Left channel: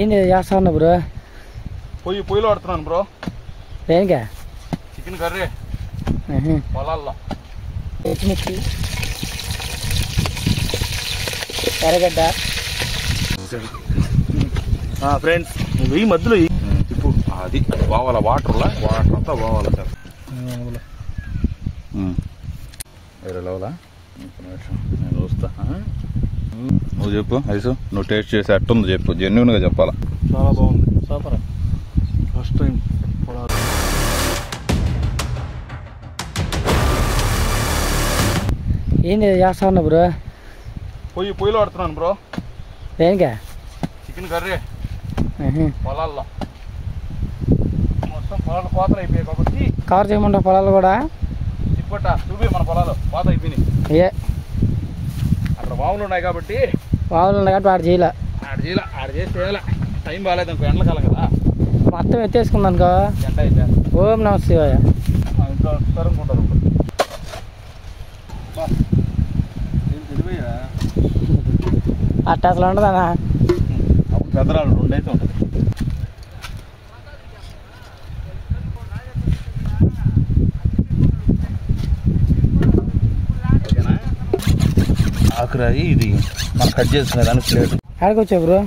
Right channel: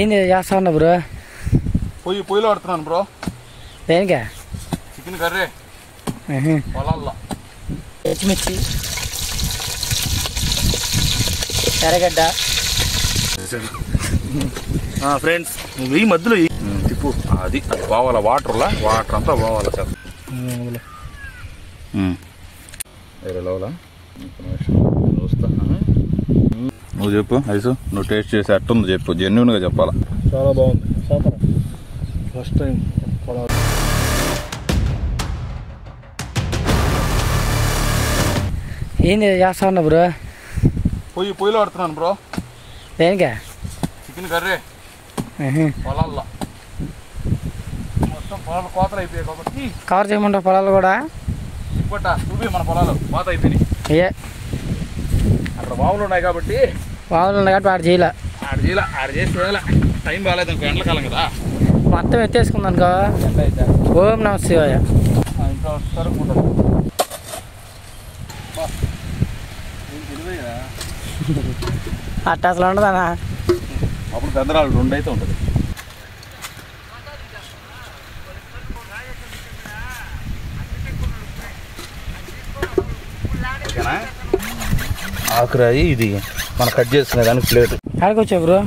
ఏంది చేస్తా బ్రో? పొయ్యిలో ఆడుతున్నాను బ్రో. దేనికా? చికెన్ కర్రీ పొలాల్లో. పచ్చిమిర్చి, ఎర్రగడ్డ. ఫ్రెండ్స్ ఈ మధ్యలో తిప్పు అది పోవాలా, వాటర్ అంతా పోవాలా సార్. వేరే లోలా వస్తా. నువ్వు చెప్పు ఐసు, నువ్వు టేస్ట్ చేసి ఎట్టుందో చెప్పు, జెన్యున్గా చెప్పాలా. చాలా బాగుంది, సూపర్. ఫస్ట్ టైం పొలాలు. ఏంది చేస్తా బ్రో? పొయ్యిలో ఆడుతున్నాను బ్రో. దేనికా? చికెన్ కర్రీ పొలాల్లో. మొత్తం పొలాలు కోతలు అయిపోయాయి కాబట్టి కవర్ చేయమంటావు పొలాలు కూడా? ఇప్పట చూపి మన పొలాలు కోత అయిపోయినాయి. అయ్యే అక్కడ బావులు ఉన్నాయి కాబట్టి ఆడ చేయలే. ఆడ చేసి చేయాల. టైం బాగాలేదు అనుకో, ఎండకాలం కదా. మొత్తం ఎత్తేసుకుంది అనుకో. ఓం నమ శివాయ. ఇంట్లో వస్తారు ఉంటుంది. అట్ట అసలు ఉండదనా? అప్పుడు పెద్దరాళ్ళు 2 అయితే ఉంటుంది. ఓకేనా? ఆకురాయి ఇది మనం కట్ చేసుకునే దానికి ప్లేట్. ఆడుకొచ్చావు బ్రో?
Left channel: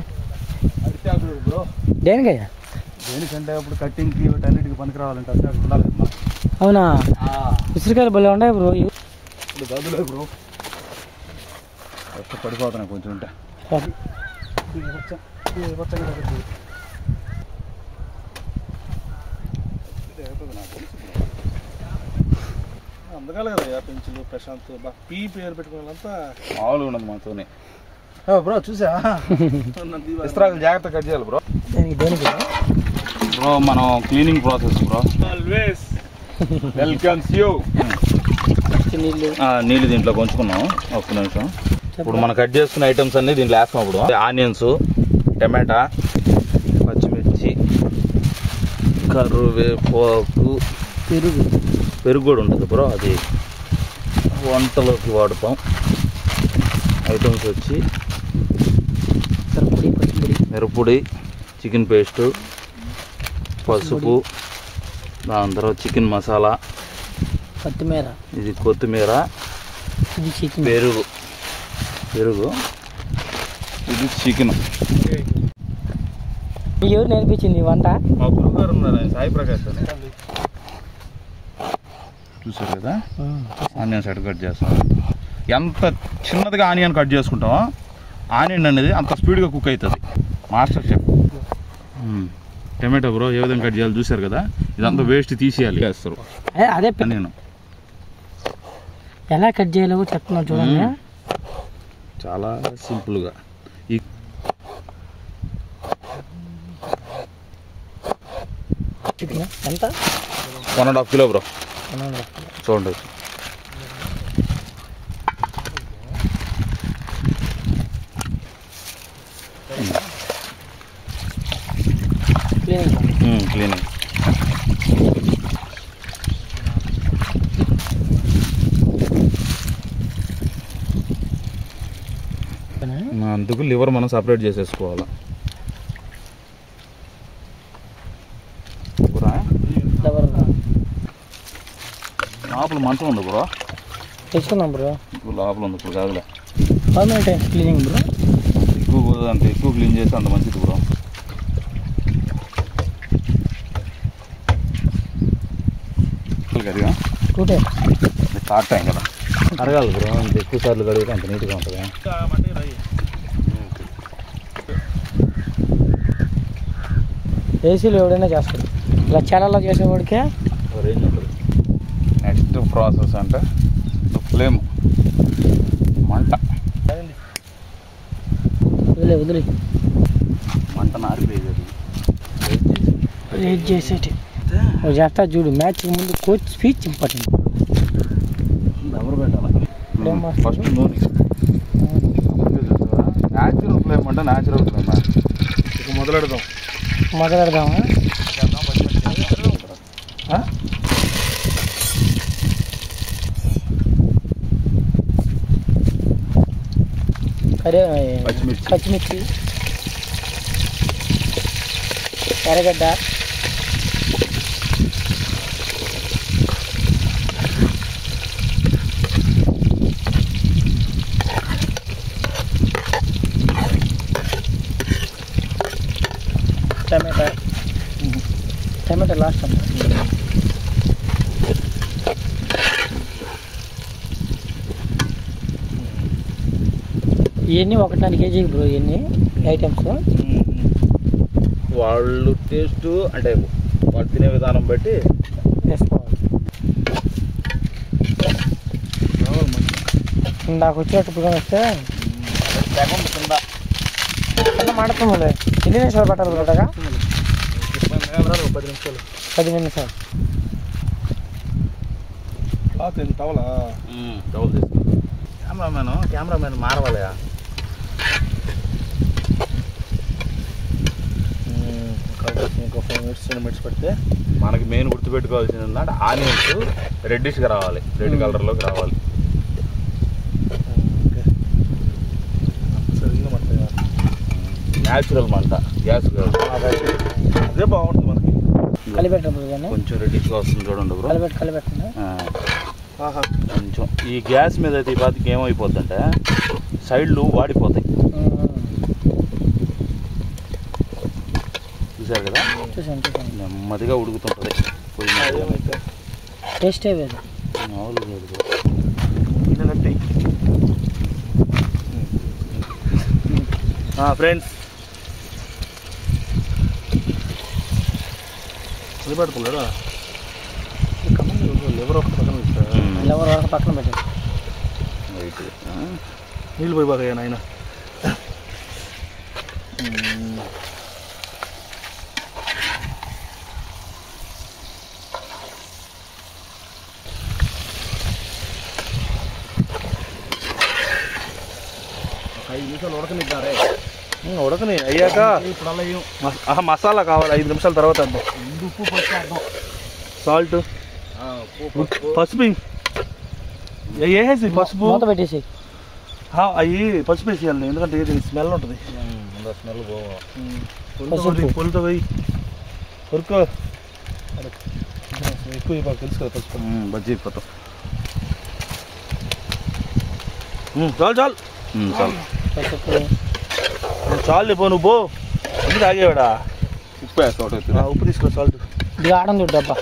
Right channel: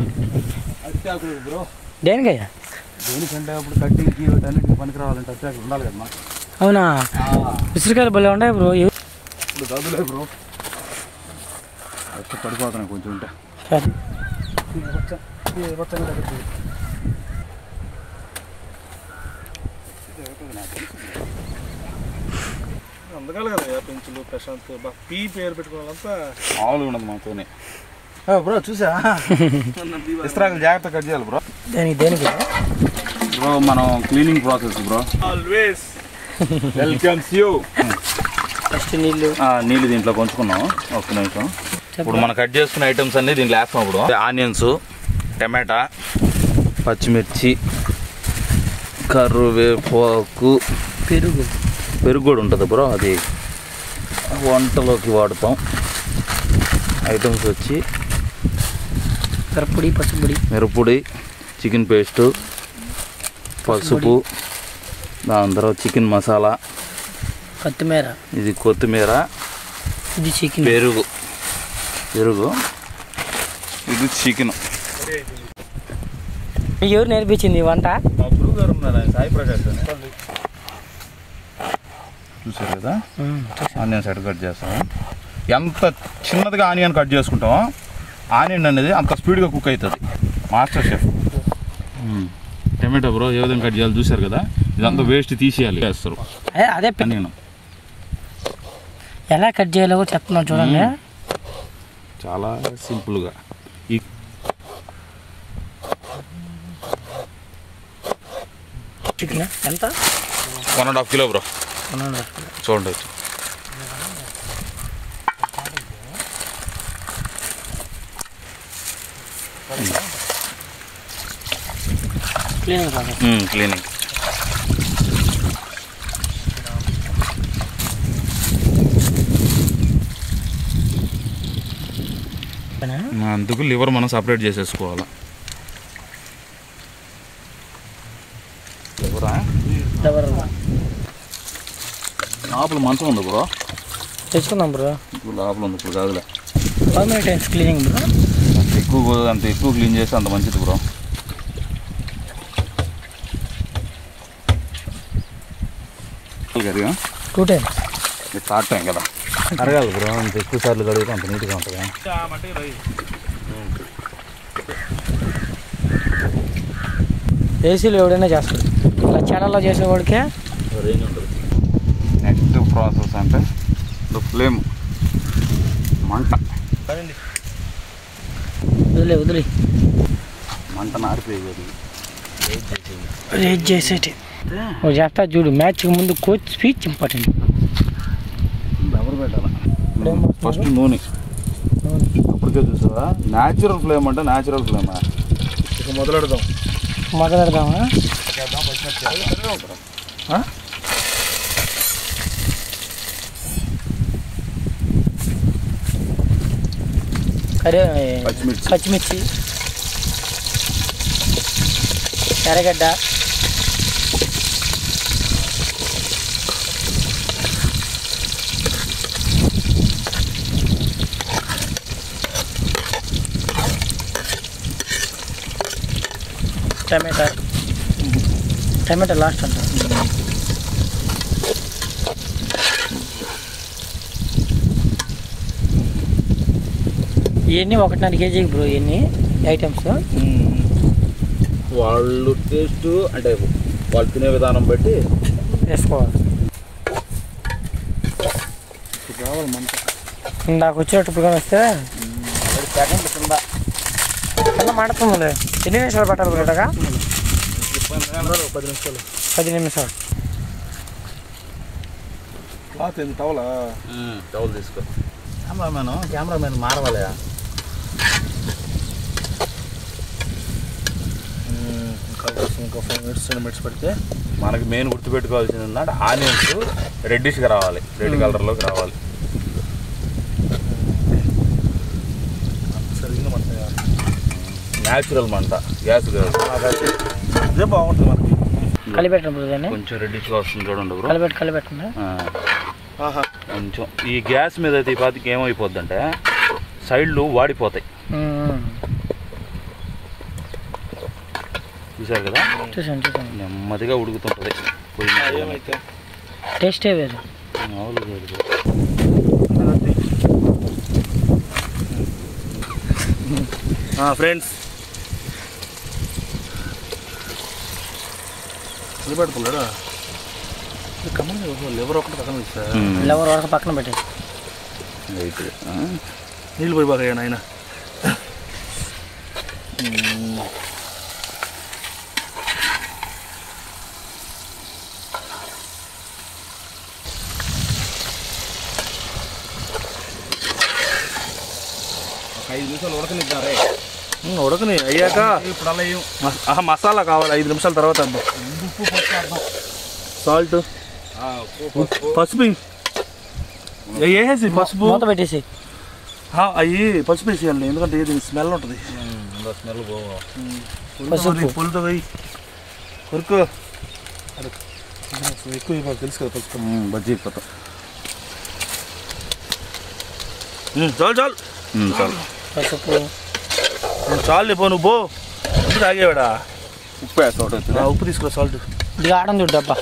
అరిటాకు బ్రో. దేనికయ్యా? దేనికంటే అప్పుడు కట్టింగ్కి వీటన్నిటికి పనికి రావాలంటే అరిటాకు ఉండాలి కదా. అవునా? ఉసిరికాయలు భలే ఉన్నాయి బ్రో. ఇప్పుడు గదులే బ్రో. పడిపోతున్నాయి కొంచెం ఉంటే. అందుకలే కదా పెంచులు ప్రశాంత్ పీ పేరు పెట్టుకోవాలంతా మామూలుగా ఉండదు మాతోనే. బ్రో చూసా ఇస్త్రాకులు జాగ్రత్త కట్ చేయాలి బ్రో. దేనికి బ్రో మనం cleaning process bro. Always welcomes you. First నీళ్ళు దీంట్లో కొంచుకున్నాం. ఒక్క నిమిషం. ఇప్పుడు మనం కట్ చేసుకున్న ఐటమ్స్ అన్ని దీంట్లో వేస్తాం. ఇప్పుడు ఆనియన్స్, టమాటా, పచ్చిమిర్చి, కరివేపాకు, పెరుగు కూడా ఉంటుంది బ్రో. అది వంటలోకి వాడుతాం. ఐటమ్స్ వచ్చి మిరప్పొడి, చికెన్ పేస్టు, పసుపు, దాని తర్వాత చికెన్ మసాలా, కొత్తిమీర, ఇది కొత్తిమీర, ఇది చికెన్, పెరుగు, ఇది చికెన్. ఎవరు నేర్పించింది వంట? సాయి ప్రకాష్ చూసారు కదా. ఆనియన్స్ ఎట్ కట్ చేస్తాం. ఎంత చిన్నదిగా ఆనియన్ కట్ చేసుకుంటామో ఆనియన్ అనేది అంత స్పీడ్గా కుక్ అవుతుంది. Master chef. టమాటో బ్రో ఏ విధంగా కట్ చేయాలి చూసారు కదా. ఇదంతా వేస్ట్ తీసేయాలి చేస్తారు. అదే నేను ఎలా కట్ చేయాలో చెప్తున్నాను చూడండి. చాలా సింపుల్గా. ఈ చికెన్ ఎంత? 1.5 కిలో బ్రో. చూడండి క్లీనింగ్. అందుకు లివర్ మనం సపరేట్ చేసేసుకోవాలి. లోపల మంచం ఉంది బ్రో. తెచ్చుకుందాం బ్రో. లోపల ఉంది ఇప్పుడు కాదులే. Cleaning bro. అంత ఎక్కువ క్లీన్ చేస్తే అంత మంచిది బ్రో. కడిగా 2 times స్టార్ట్ టైం కదా. అరగాలి బ్రో. అంత ఎక్కువ సార్లు కడిగితే అంత నీట్గా ఉంటుంది. ఏసీలో ఎవడైనా చేస్తాడు. ఇలా ఛానల్లో చేసేవాడికే రేంజ్ ఉంటుంది. నెక్స్ట్ ప్రాసెస్ అంటే ఫ్లేమ్, మంట. వదిలే మంట నారిపోయేది. రేట్ చేసేటి చేస్తా చూడు. మ్యాచ్కి ముందు కోచ్ స్పీచ్ ఇంపార్టెంట్. ఎవరు పెట్టాలి? ఫస్ట్ నూనె. అప్పటికే చూస్తారా న్యాచురల్ ఫ్లేమ్ అంటే న్యాచురల్ ఫ్లేమ్. ఇక మొదలెడదామా? పచ్చిమిర్చి, ఎర్రగడ్డ, టమాటా లాస్ట్ అంట. ఇవన్నీ 1.5 కేజీకి బ్రో, ఇవన్నీ ఐటమ్స్. వాళ్ళు టేస్ట్ అంటే వాళ్ళు తినే విధానం బట్టి వేసుకోవాలి. నాకు వచ్చేటప్పుడు వస్తే సెకండ్ కింద కింద మాడుతుంది. ఎన్ని నిమిషాలు పట్టాలి బ్రోటగా? 10 నిమిషాలు. టవల్ తీసుకో. కెమెరామెన్ మారవాలయా? ఇంకా 5 మినిట్స్ 10 మినిట్స్ పెడితే మనకి మెయిన్ గుర్తుపెట్టుకోవాల్సింది ఏంటంటే ఆనియన్స్ రెడ్డిష్గా రావాలి, రెడ్ కలర్లోకి రావాలి. న్యాచురల్ మంట, గ్యాస్ కాదు. అదే బాగుంటుంది మనకి. కలిపెట్టండి దాన్ని, కొంచెం రెడ్డిష్గా వస్తుంది చూడండి బ్రో. కలిపెట్టండి. కొంచెం ఈ గ్యాస్ మీద అయితే ఈ పాతికి ఏమైపోద్ది అంటే సైడ్లు వాడిపోతాయి. చూసారు కదా, చూసాను. నెమ్మదిగా ఉడుకుతుంటుంది. టేస్టే వేరు. మామూలుగా ఫ్రెండ్స్ నిలబెట్టుకోలేదా? లివర్ ఒకటి పక్కన లివర్ వరకు పక్కన పెట్టేసి నీళ్ళు పోయి బాగా నాయన. ఒక 5 నిమిషాలు ఉడకనిద్దారే. ఉడకని అయ్యాక ఇప్పుడు అలా మసాలా కావాలి. 5 నిమిషాల తర్వాత అర్థం. ఉప్పు పసుపు, సాల్ట్, పసుపు వేసేసి, పసుపు మూత పెట్టేసి అవి పసుపు వేసేయాలి. ఎందుకంటే ఇది స్మెల్ ఉంటుంది. స్మెల్ పసుపు పులుతో పోయి ఉరుకు ఎక్కువ మాకు తెలుసు కదా పసుపు. బజ్జీ అయిపోతాం. చాలు చాలు చాలు. పసుపు చాలు పో, నువ్వు పో. ఎందుకు ఆగేవాడా? ఉప్పు వేస్తా. ఉప్పు తీసుకో, సాల్ట్. ఇది ఆడం చూడు డబ్బా,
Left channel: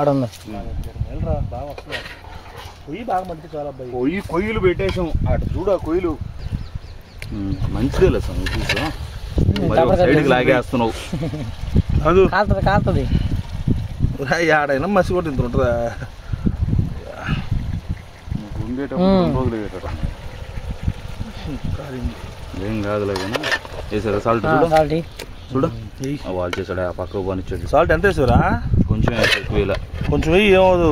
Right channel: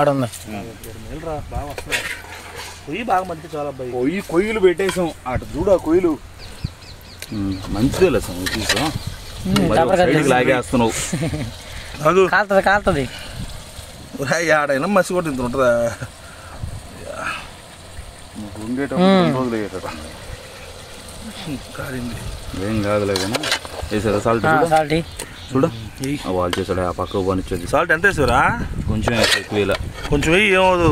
ఆడుంది. వెళ్ళరా, బాగా వస్తుంది. పొయ్యి బాగా మంచి చాలా అబ్బాయి. కొయ్యలు పెట్టేసాం అటు చూడ. కొయ్యలు మంచిదే లేదు సార్. చూసా సైడ్కి లాగేస్తున్నావు. కాలుతుంది. ఆడైనా మసి కూడా ఇంత ఉంటుందా? ఉండేటప్పుడు రోజులు అయ్యేట ఏం కాదులే కానీ వేసారా సాల్ట్? సాల్ట్ చూడ వాళ్ళు చేసాడు. ఆ పక్క పనిచ్చేది. సాల్ట్ ఎంత వేసారా? కొంచెం వేసా, ఎక్కువ ఇలా కొంచెం వెయ్యి ఏమవుదు.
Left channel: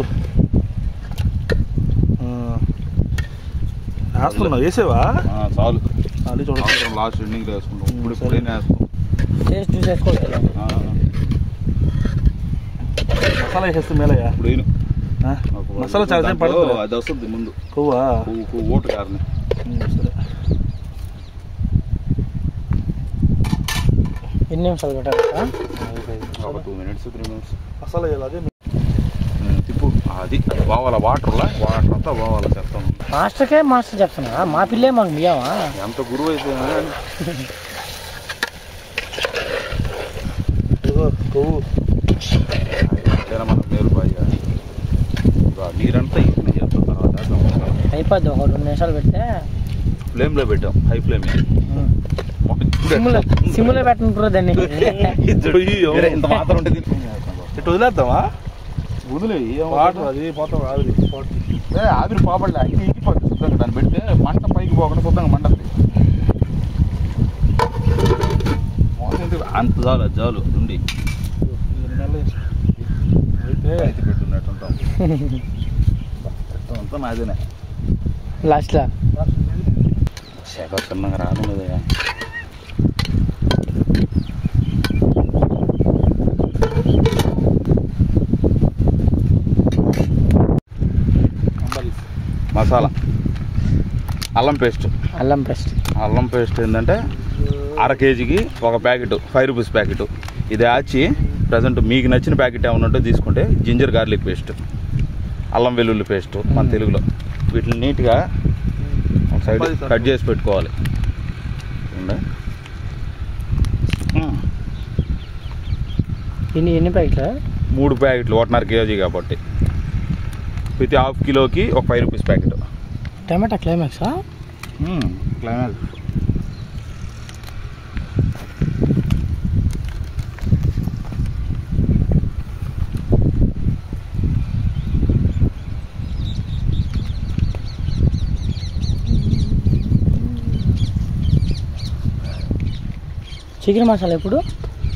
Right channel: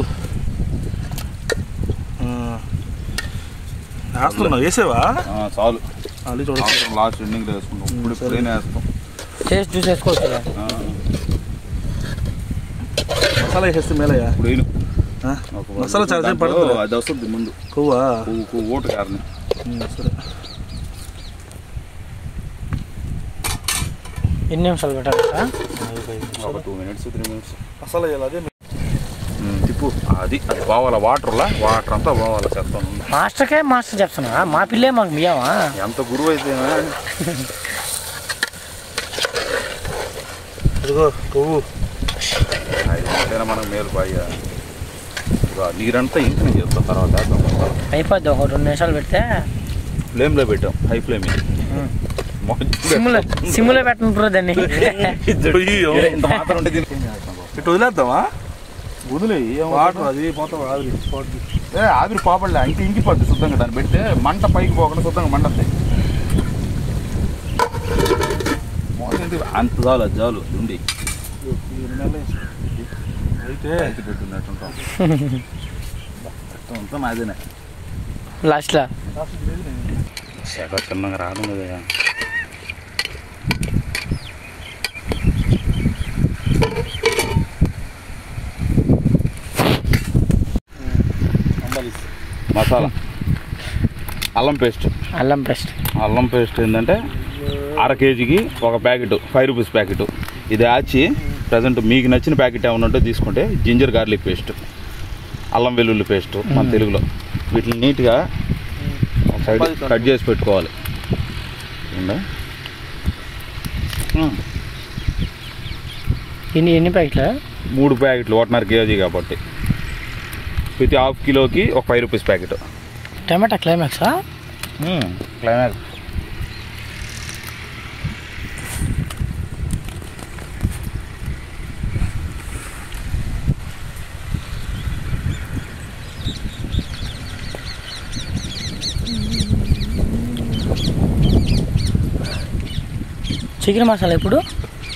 వేస్తున్నావు? వేసేవా? చాలు. అది చూడ లాస్ట్ ఎండింగ్ వేసుకుంటాం. ఇప్పుడు ఇప్పుడైనా వేస్తాం. టేస్ట్ చూసి వేసుకోవచ్చు. మసాలా వేసేస్తే మేలయ్యా. ఇప్పుడు మసాలా చాలా సేపు పడుతుంది. అది వస్తుంది ముందు. కొవ్వా? ఓటు కారణం. సరే. ఎన్ని నిమిషాలు పెట్టాలి? ఒక 2 minutes 3 minutes మసాలా వేయాలి. అదే తిప్పు. అది పోవాలా, వాటర్ అంతా పోవాలా. చెప్తాను. మాస్టర్కే మాస్టర్ చెప్తున్నా, మా పిల్లే మాకు మియావా? ఎంత గురువు అయితే కొవ్వు మనకు మేలు బాయ్యా. నీరంతా ఇంకనే చేస్తాం. తర్వాత అయిపోద్ది. ఒక 2 నిమిషాలు పెడితే ఫ్లేమ్లో పెట్టాం. High flame. సిమ్లో పెట్టిన దాన్ని ఇంత మాత్రం ఉంటే ఇటు వదిలేద్దామా? వదిలే వాటర్ అది పోతాం. ఆవిరి పోబడలే, ఇంకిపోద్ది శుద్ధంగా. దాన్ని పెడితే మంట పైకి పోకుండా శుద్ధంగా మండద్ది. అంత చాలు, అది చాలు. ఉండి అయితే పెట్టున్నట్టుంటాం. అంతా నాదేనే. లాస్ట్లో శాఖ చిన్నగా రావడం లేదా? మసాలా, అల్లం పేస్ట్. అల్లం పేస్ట్ ఏంటంటే అర కేజీకి ఒక ప్యాకెట్ 5 రూపీస్ ప్యాకెట్. ఇది ఆచి ప్రజెంట్ మీకు నచ్చిన ప్యాకెట్ ఏమైనా ఉంటే తీసుకుంటే జింజర్ గార్లిక్ పేస్ట్, అల్లం వెల్లుల్లి పేస్ట్ మన తెలుగులో, వీటిని నీట్గా సైడ్ కట్ చేసి పెట్టుకోవాలి. ఎన్ని ప్యాకెట్లా? 3 ప్యాకెట్లు 1.5 కేజీ కాబట్టి ప్రతి ½ కిలోకి ఒక 5 రూపీస్ ప్యాకెట్. టమాటా క్లైమాక్సా? క్లైమాక్స్. చికెన్ మసాలా ఇప్పుడు?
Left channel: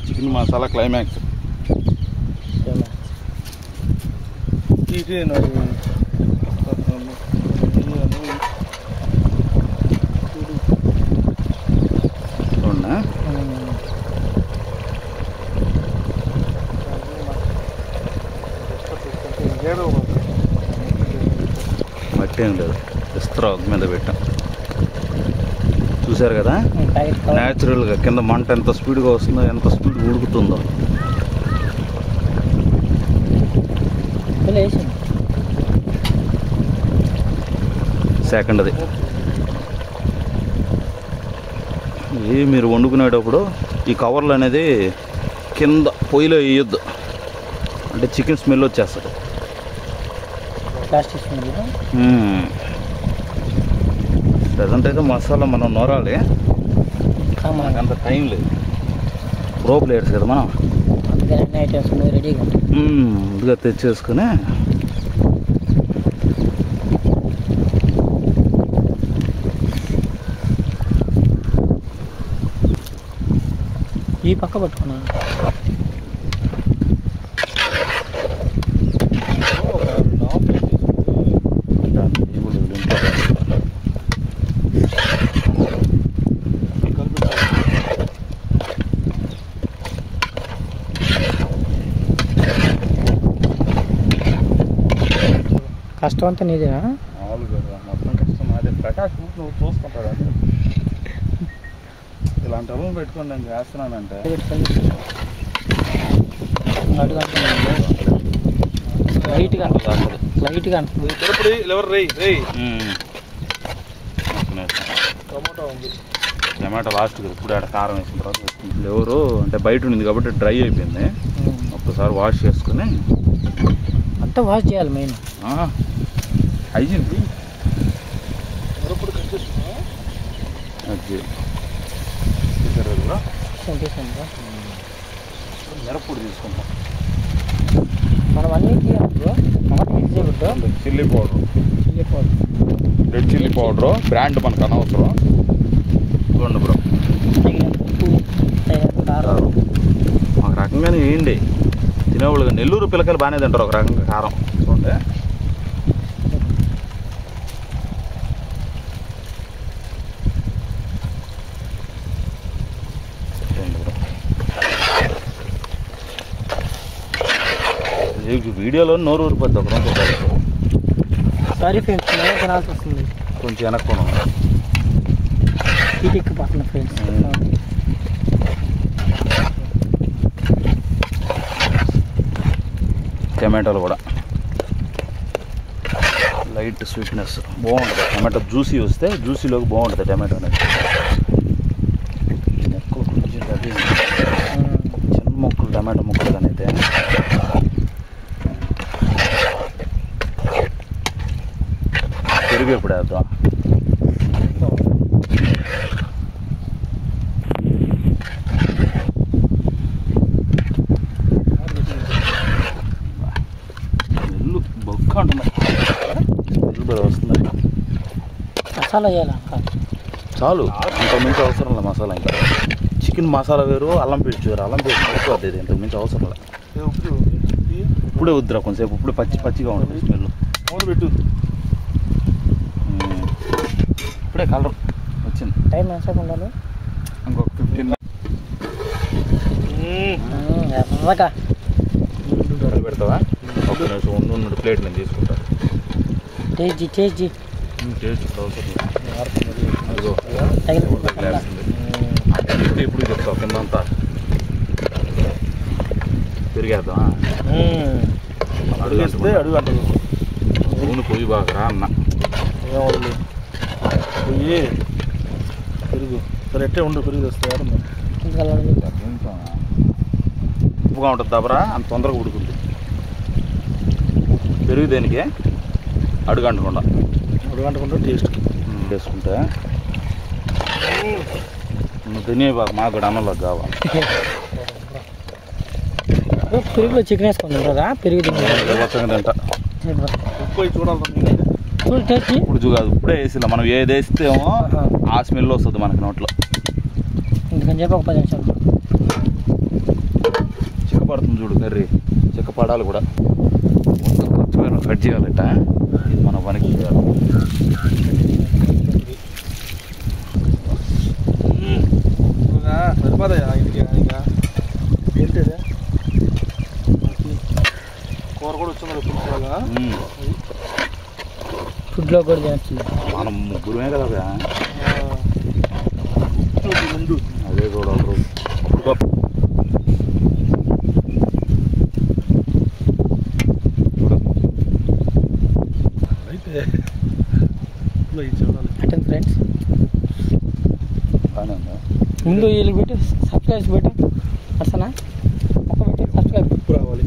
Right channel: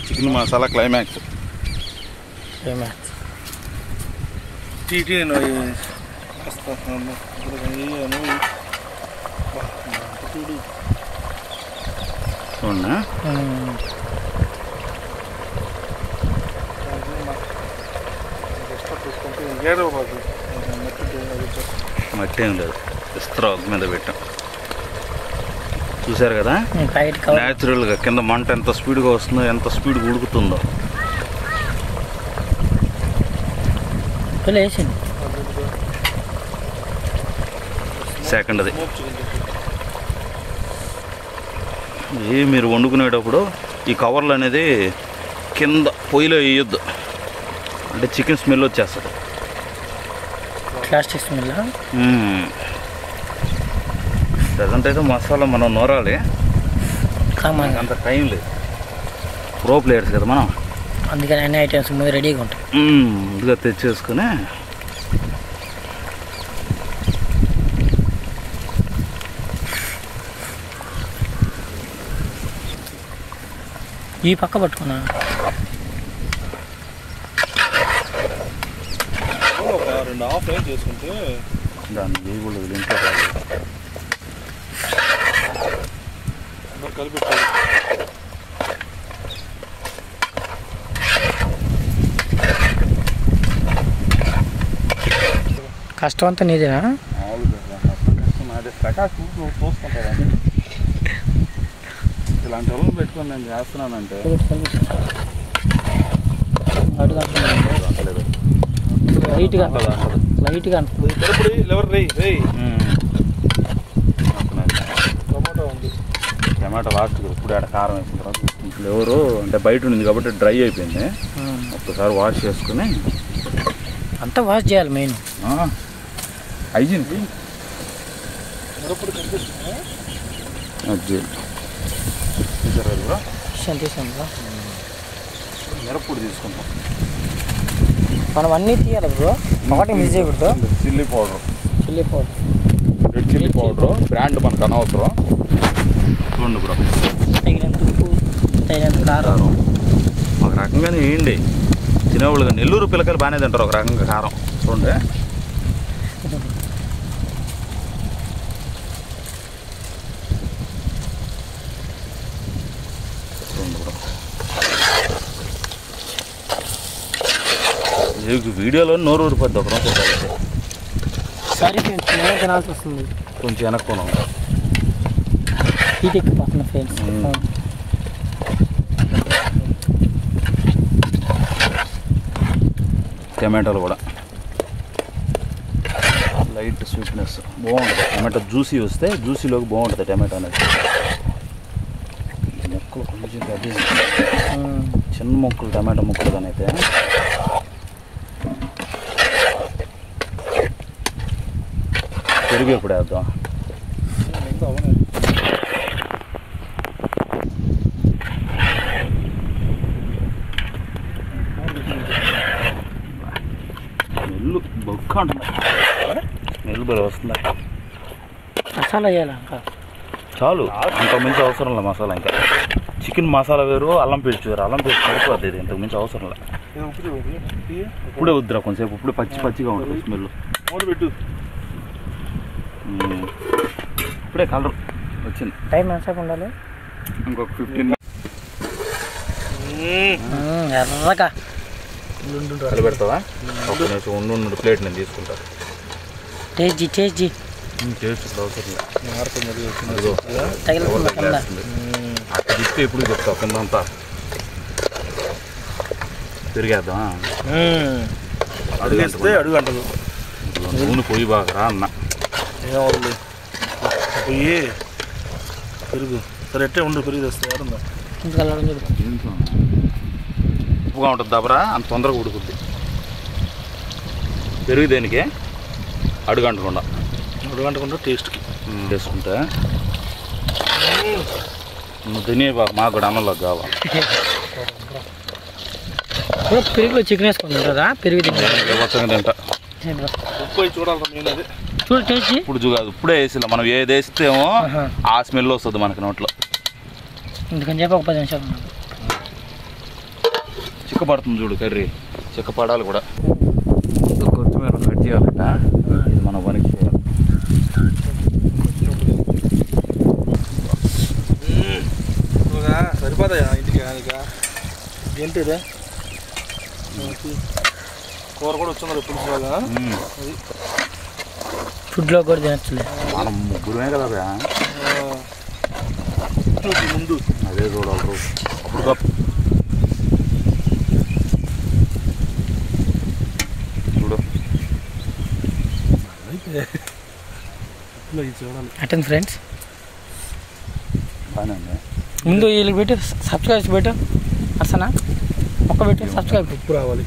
Chicken masala climax. అవునా? మట్టి ఏం లేదు, ఇస్త్రా మీద పెట్టాం. చూసారు కదా న్యాచురల్గా కింద మంట ఎంత స్పీడ్గా వస్తుందో, ఎంత స్పీడ్గా ఉడుకుతుందో. సెకండ్ అది మీరు వండుకునేటప్పుడు ఈ కవర్లు అనేది కింద పొయ్యిలో వేయొద్దు, అంటే చికెన్ స్మెల్ వచ్చేస్తుంది. Plastic smell. ప్రజెంట్ అయితే మసాలా మనం నూరాలి, అంత టైం లేదు. ప్రో ప్లేయర్స్ కదా మనం, అందుకని అన్ని ఐటమ్స్ రెడీగా ఉంటాయి. ముందుగా తెచ్చేసుకుని ఈ పక్క పట్టుకున్నా. కష్టం అంతా నీదేనా? ఇలాంటి అల్లం పెట్టుకొని నేను చేస్తున్నానంటే లైట్గా టమాటా లాస్ట్ ఇప్పుడు ఆడ కారం వేసిన తర్వాత ఫ్లేవరు అంటే బయట ఉంది కాబట్టి డ్రై అయిపోయింది. ఒక్కసారి వాష్ చేసుకుని అంతా వాష్ చేయాలి. మెయిన్ హైజీన్ తీసాం. మిరప్పొడి తీసుకుంటాం మనం అన్నీ తీయాలి బ్రో, ఒకటి మిస్ చేయకూడదు. Chilli powder, red chilli powder brand మనకు అనవసరం. చూడండి బ్రో, తగినంత ఉప్పు, తగినంత కారం. ఒక రకంగానే వేయండి, తినేవాళ్ళు. నెల్లూరు పిల్లకాయలు బాగానే తింటారు ఒక రకంగా కారం. చూడండి వీడియోలో నోరు ఊరిపోద్ది ఒక రోజు. సారీ ఫ్రెండ్స్, నేను తినాల్సి వస్తుంది. కొంచెం వెనక్కున్నాం, హీట్ ఎక్కిపోతున్నా ఫ్రెండ్స్. టమాటాలు కూడా లైట్ స్వీట్నెస్ బాగుంటుంది. టమాటో జ్యూసీ వస్తే జ్యూసీలోకి బాగుంటుంది టమాటో అనేది. మొక్కలు కొంచెం అది చిన్న మొక్కలు, టమాటో మొక్కలు కానీ అయితే పెరుగు ఎప్పుడు వేద్దాం. ఇల్లు బొక్క అంటున్నా, ఇల్లు వస్తుంది. మసాలా వేయాలి చాలు, అంతకు మించి అవసరం లేదు మసాలా. ఇంకా చికెన్ మసాలా వేరు, అల్లం పేస్ట్ వేరు. అల్లం పేస్ట్ సరిపోద్ది, ఇది ఇంతకు మించి అవసరం లేదు. ఇప్పుడే వద్దురా కొంచెంసేపు, ఇప్పుడే పచ్చిగా ఉంటుంది స్మెల్. ఇప్పుడే కలర్ వచ్చింది. టైం ఎంతసేపు ఉండాలి? ఇంకొక 15 ఎర్రగా కలిపెడతావా? ఒక నిమిషం ఉండు, ప్లేట్ నేను తీసుకుంటా. టేస్ట్ అవసరం లేదు. ఇస్తే ఇప్పుడు చెప్తావు కిందంతా తిరిగేద్దాం. అడుగేస్తే అడుగు అంటదు. నూనె పొయ్యి బాగా అన్న ఏమవుతుంది పొయ్యి పెరుగు సరే ఎట్టే ఉండు పెరుగు తెస్తే ఎవరుందా ఉప్పుగా ఉంటుంది దబరా అంత తొందరగా ఉడుకుద్ది. పెరుగు దేనికి అడుగంటకుండా టేస్ట్కి వేసుకుంటే తినే బాగా మాకు కూడా అన్నంలోకి కావాలి. పెరుగులో చికెన్ వేసుకుంది కదా పెరుగు తింటా ఉప్పు చూడాలి ఇప్పుడు కాదు ఇప్పుడే వేసిలా. మనం ఏది వేస్తేమో ఆ స్మెల్ వస్తుంది మనకి నోట్లో. ఎందుకని చెప్పి ఒక 10 నిమిషాలు చిక్కపడుతుంది చూడు కర్రీ. చిక్కపడాలి కూడా. కొత్తిమీర కట్ చేయాలట. ఇది మన పనికి చేయాలి. సరిపోతాయా ఇంటికి ఏంటిదే కూర కూడా వచ్చింది పులుసులాగా. ఫుడ్లో కూడా తినట్లేదు మనం ముగ్గురమే కదా ముందు అదే చూడాలి రోజు. చూడు అయితే చూడాలి. అటెండ్ ఫ్రెండ్స్ బాగానే ఉంది. ముందు వీళ్ళకి పెట్టి సబ్స్క్రైబ్ పెట్టు. అసనా ఒక్క పెట్టు సబ్స్క్రైబ్. ఉప్పు రావాలి.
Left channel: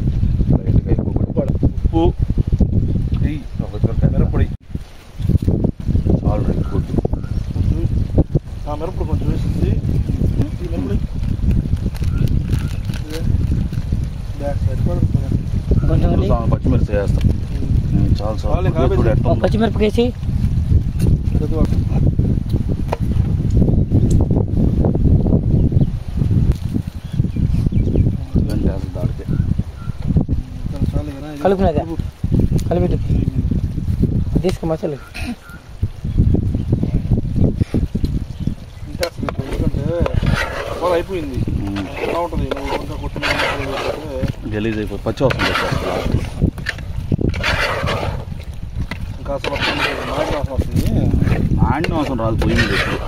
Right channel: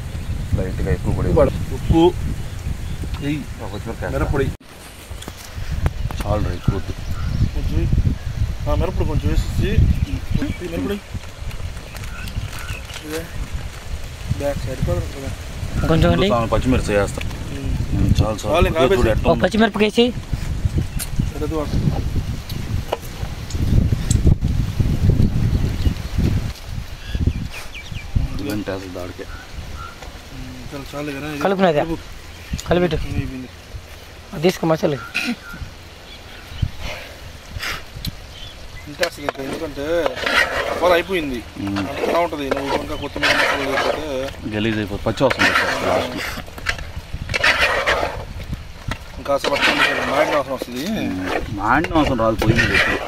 లైట్గా ఎక్కువ కూడా ఉప్పు మిరప్పొడి చాలు రైట్ కొద్ది కొంచెం మిరప్పొడి కొంచెం వేసేసి మిరప్పొడి బ్యాక్ సైడ్ కొంచెం పచ్చిమిర్చి వేస్తాం. చాలు చాలు పచ్చిమిరపకాయ వేసి దాడికే కలుపునది కలిపెట్టు తీసుకో మసాలా. అంటే అసలు ఎందుకంటే అవ్వాలి అయిపోయింది ఎలా ఉంటుంది. నువ్వు ఇంకా కొత్తిమీర గలీజ్ అయిపోయి పచ్చి వస్తుంది ఇంకా అసలు మాడిన అవసరం వస్తుంది. మాడిన అవసరం రాదు పొయ్యి మీద ఎప్పుడు.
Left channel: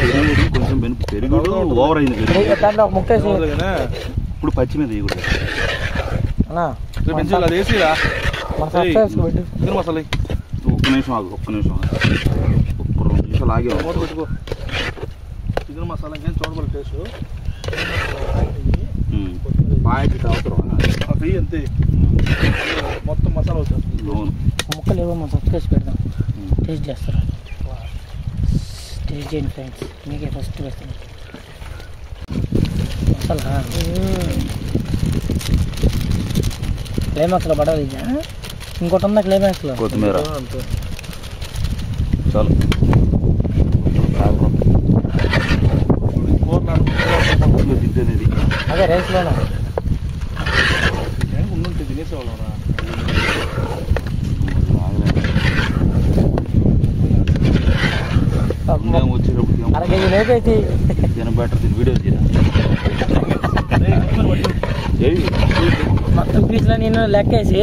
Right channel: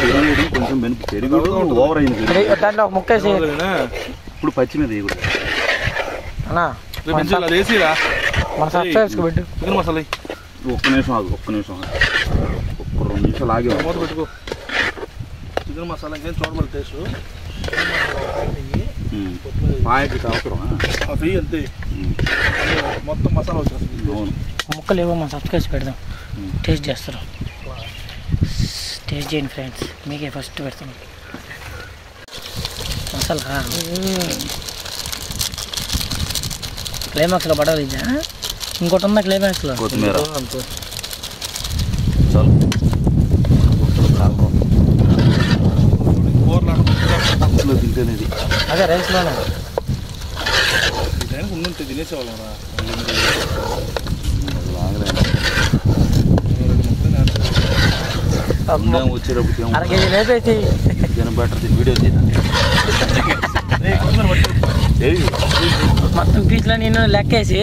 పెరుగు కొంచెం పెరుగు ఓవర్ అయింది. దాంట్లో ఒక ముక్క వేసి ఇప్పుడు పచ్చి మీద వేయకూడదు అన్నా. అది వేసిరా మన సబ్స్క్రైబ్స్ పెట్టు. చికెన్ మసాలా ఒక్క నిమిషం ఆగు. ఒక్క 2 నిమిషాలు ఆగే మూత పెట్టుకో. చికెన్ మసాలా ఇంకేం చూడమని టేస్ట్ పాయకి అవసరం అవి అంతే మొత్తం మసాలా వచ్చేస్తుంది. ముక్కలు ఏవో మన సబ్స్క్రైబ్స్ పెడదాం. టేస్ట్ చేస్తారు. టేస్ట్ చేయండి ఫ్రెండ్స్. మీకే ఫస్ట్ పెడతాం మసాలా. క్లైమాక్స్లో పడాలి. ఇదా ఇంకోటి ఉందా క్లైమాక్స్లో? కొత్తిమీర అంతే చాలు. తింటేనేది అదే రైస్లోనే ఉండుంటే తినేసేవాళ్ళం. వచ్చేటప్పుడు 1/2 కేజీ లేపేసి బెటర్ వీడియో మొత్తం పీస్లో నేను లెక్కేసి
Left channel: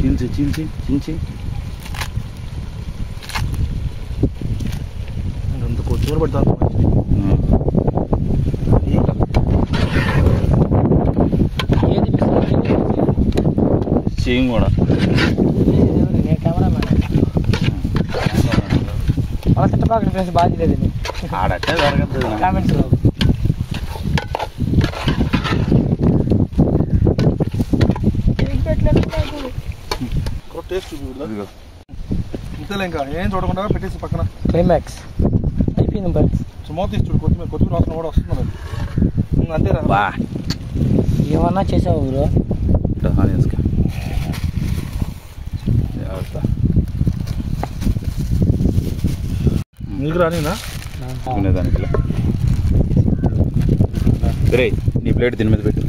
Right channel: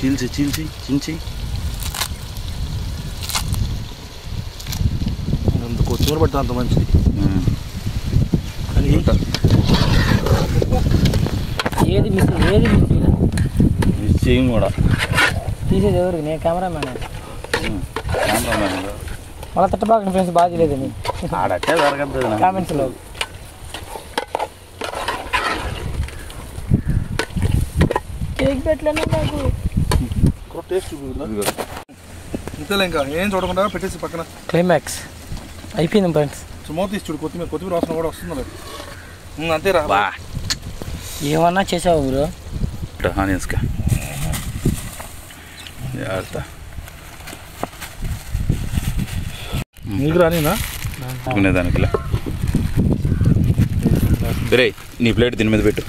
చించి చించి చించి అంత కొత్తిమీర పడితే అంత మంచిది. ఏది చేయం కూడా తీసేది ఎవరు? నేను కెమెరామ్యాన్. వాళ్ళ తిట్టబాకండి ఫ్రెండ్స్. బాగా లేదని ఆడట్టే జరగదు కామెంట్స్లో. కేక్ పెట్టలేదు నాకు టేస్ట్ ఇంతలే ఇంకా ఏం చూడకుండా పెట్టేసి పక్కన. క్లైమాక్స్ అయిపోయింది ఫ్రెండ్స్. మూత తీసి చూడు. కొత్తిమీర వాసన కూడా వస్తుంది. అంతేరా ఏమన్నా చేసావు బ్రో? ఆనియన్స్కా జాగ్రత్త. నీకు రానినా తినేదానికిలే. రే నీ ప్లేట్ దీని మీద పెట్టు.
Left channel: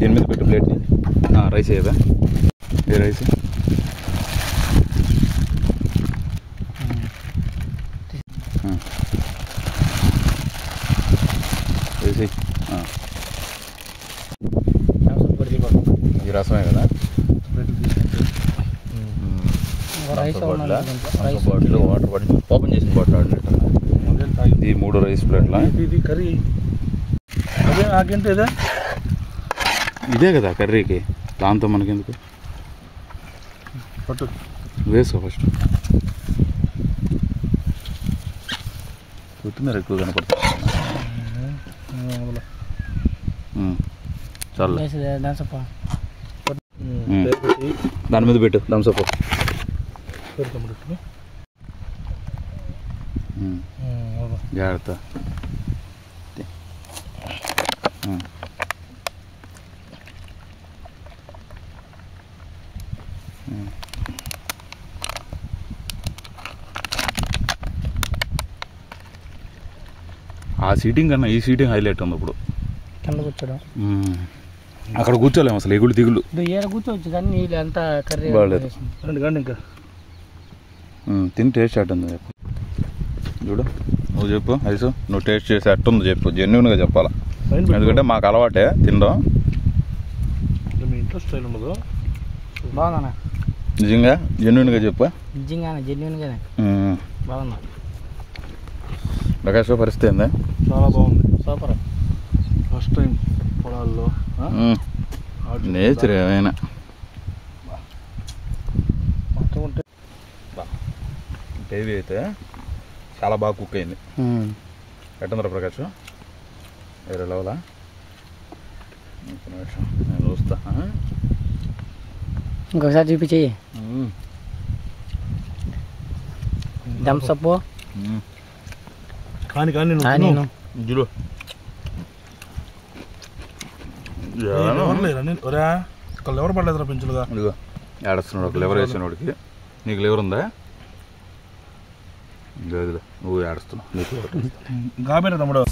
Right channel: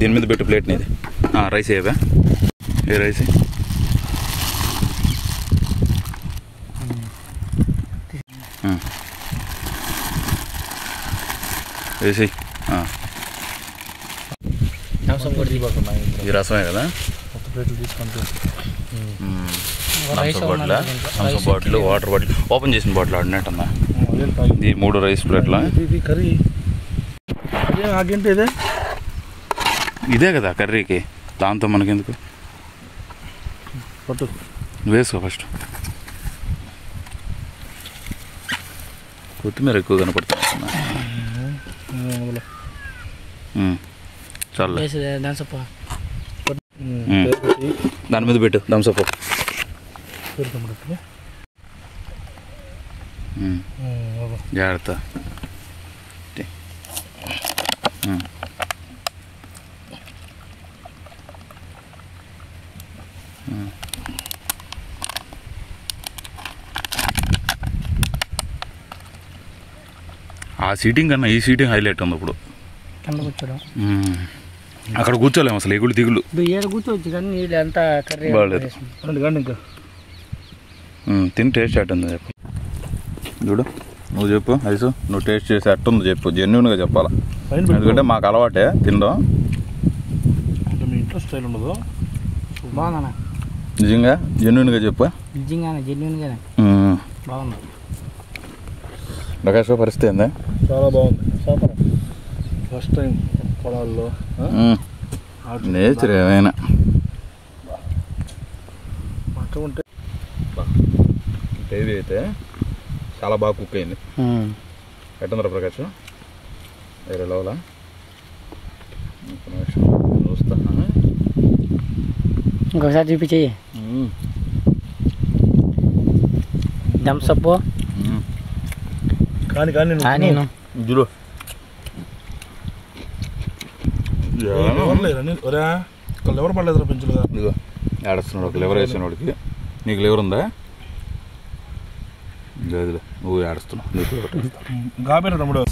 దీని మీద పెట్టు ప్లేట్ నీది. రైస్ వేయవా? ఏ రైస్ వేసి. రసం కూడా ఇది రసమే కదా. ప్లేట్లు తీసుకుంటే Thums bottle water bottle open చేసిన బాటిల్ ఆడినట్టన్నా ఇది 3 రైస్ ప్లేట్ల ఇది కర్రీ అదే నాకేంటి ఇదే ఇదే కదా కర్రీకి దాంతో మనకెందుకు పట్టు వేసుకో ఫస్ట్ కొత్తిమీర ఎక్కువ కనపడుతుంది చాలా దాని మీద పెట్టు థమ్స్అప్ జాగ్రత్త ఆ సీటింగ్ కన్నా ఈ సీటింగ్ హైలైట్ ఉంది ఇప్పుడు అక్కడ కూర్చోలేము అసలు ఎగుళ్ళు దిగులు కూర్చోవచ్చు కానీ నీళ్ళు ఎంత బాగాలేదు ఇంకా తిని టేస్ట్ ఎట్టుంది చెప్పు చూడు నువ్వు చెప్పు ఐసు నువ్వు టేస్ట్ చేసి ఎట్టుంది చెప్పు జెన్యున్గా చెప్పాలా ఎందుకంటే మాకు అలవాటే తినడం మీ ఇంట్లో స్టైల్ ఉండదు బాగుందన్నా నిజంగా జెన్యున్గా చెప్పు నిజంగానే జెన్యున్గానే బాగుంది ప్రకాశ్ పరిస్థితి ఏందా చాలా బాగుంది సూపర్ ఫస్ట్ టైం పొలాల్లో నేచర్ ఏమైనా ఉంటే గ్రేవీ అయితే చాలా బాగా కుక్ అయింది ఎట్టుందిరా ప్రకాష్ వేరే లెవెలా నేను చూస్తా ఇంకొకసారి చూపించేయి థమ్స్అప్ కానీ నేను చూడు లివర్ పడలేదురా పెంచులుగా ఇదిగో ఏడుస్తున్నాడు ఒక లివర్ వేసిన వాడికి నీకు లివర్ ఉందా ఇదిగో నువ్వు ఏడుస్తున్నావు గాబేనా తమ్ముడు